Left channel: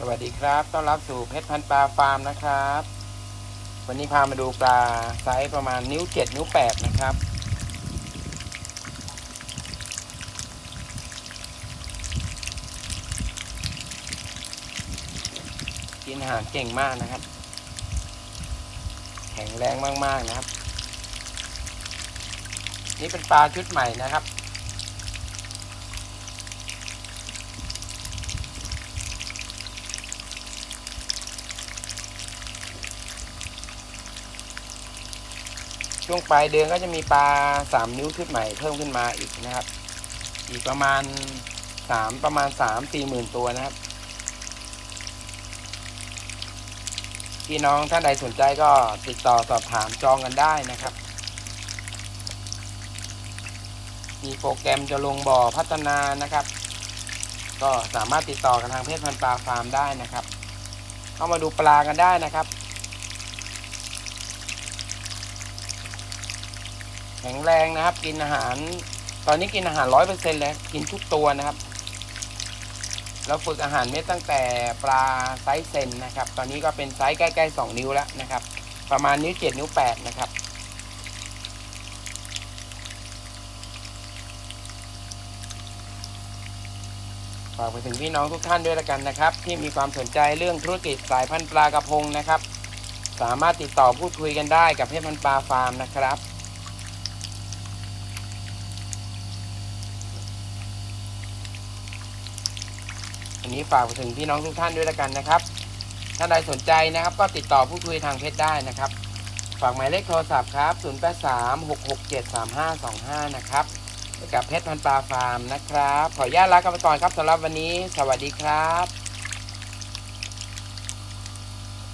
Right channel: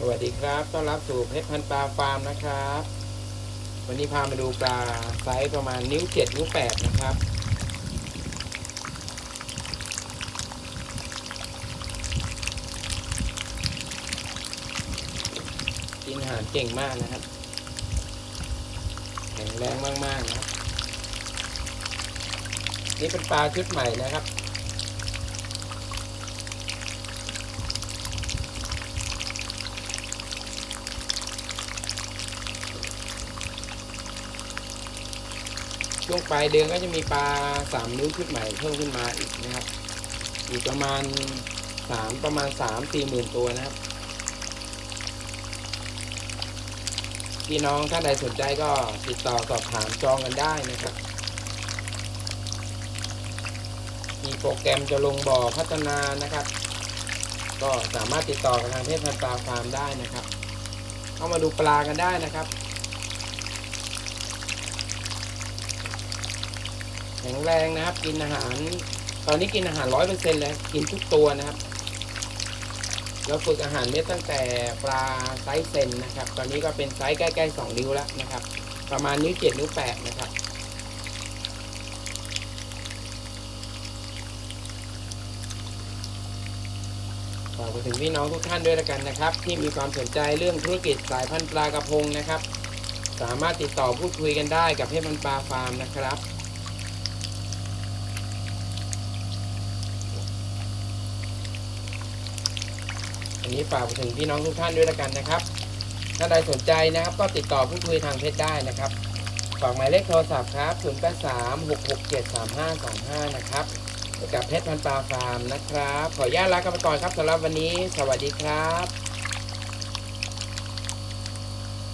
สวัสดีครับ ต้อนรับสู่เพชรพันปลาฟาร์มนะครับ วันนี้พามาดูปลาไซส์ประมาณนิ้วเจ็ดนิ้วแปดนะครับ กินอาหารเก่งมากนะครับ แข็งแรงมาก ๆ นะครับ นี่เป็นปลาชุดใหม่นะครับ ช่วงปลายเดือนก็จะมีปลาสามนิ้วขึ้นใหม่เพิ่มขึ้นมาอีกนะครับ อีกประมาณสามประมาณสามสี่หมื่นตัวนะครับพี่น้องท่านใดสนใจก็ติดต่อสอบถามจองกันได้นะครับ มีโปรแกรมจะลงบ่อพัฒนานะครับ ก็สามารถติดต่อกับทางเพจพันปลาฟาร์มได้นะครับ เข้ามาดูปลากันได้นะครับ ข็งแรงนะครับ กินอาหาร ตอนนี้กินอาหารร้อยเปอร์เซ็นต์เลยกินทุกตัวนะครับ เราฝึกอาหารเม็ดตั้งแต่ปลาไซส์เซนนะครับ ตอนนี้ก็เป็นไซส์ใกล้ๆสองนิ้วแล้วนะครับ ประมาณนิ้วเจ็ดนิ้วแปดนะครับฝากไปถึงพี่น้องทุกท่านด้วยละกันนะครับ ที่มีความสนใจเรื่องธุรกิจสายพันธุ์ปลากระพงนะครับ สามารถติดต่อพูดคุยกันได้กับเพชรพันธุ์ปลาฟาร์มนะครับ อันนี้ฝากถึงพี่น้องทุกท่านด้วยละกันนะครับ ถ้าใดสนใจนะครับ ก็ติดต่อพูดคุยทางเพจได้นะครับ ฝากหมายเลขโทรศัพท์ครับ 0 8 3 6 6 7 3 5 2 5 นะครับกับเพชรพันปลาฟาร์มนะครับ ขออนุญาตลากันไปก่อนครับสำหรับวันนี้ สวัสดีครับ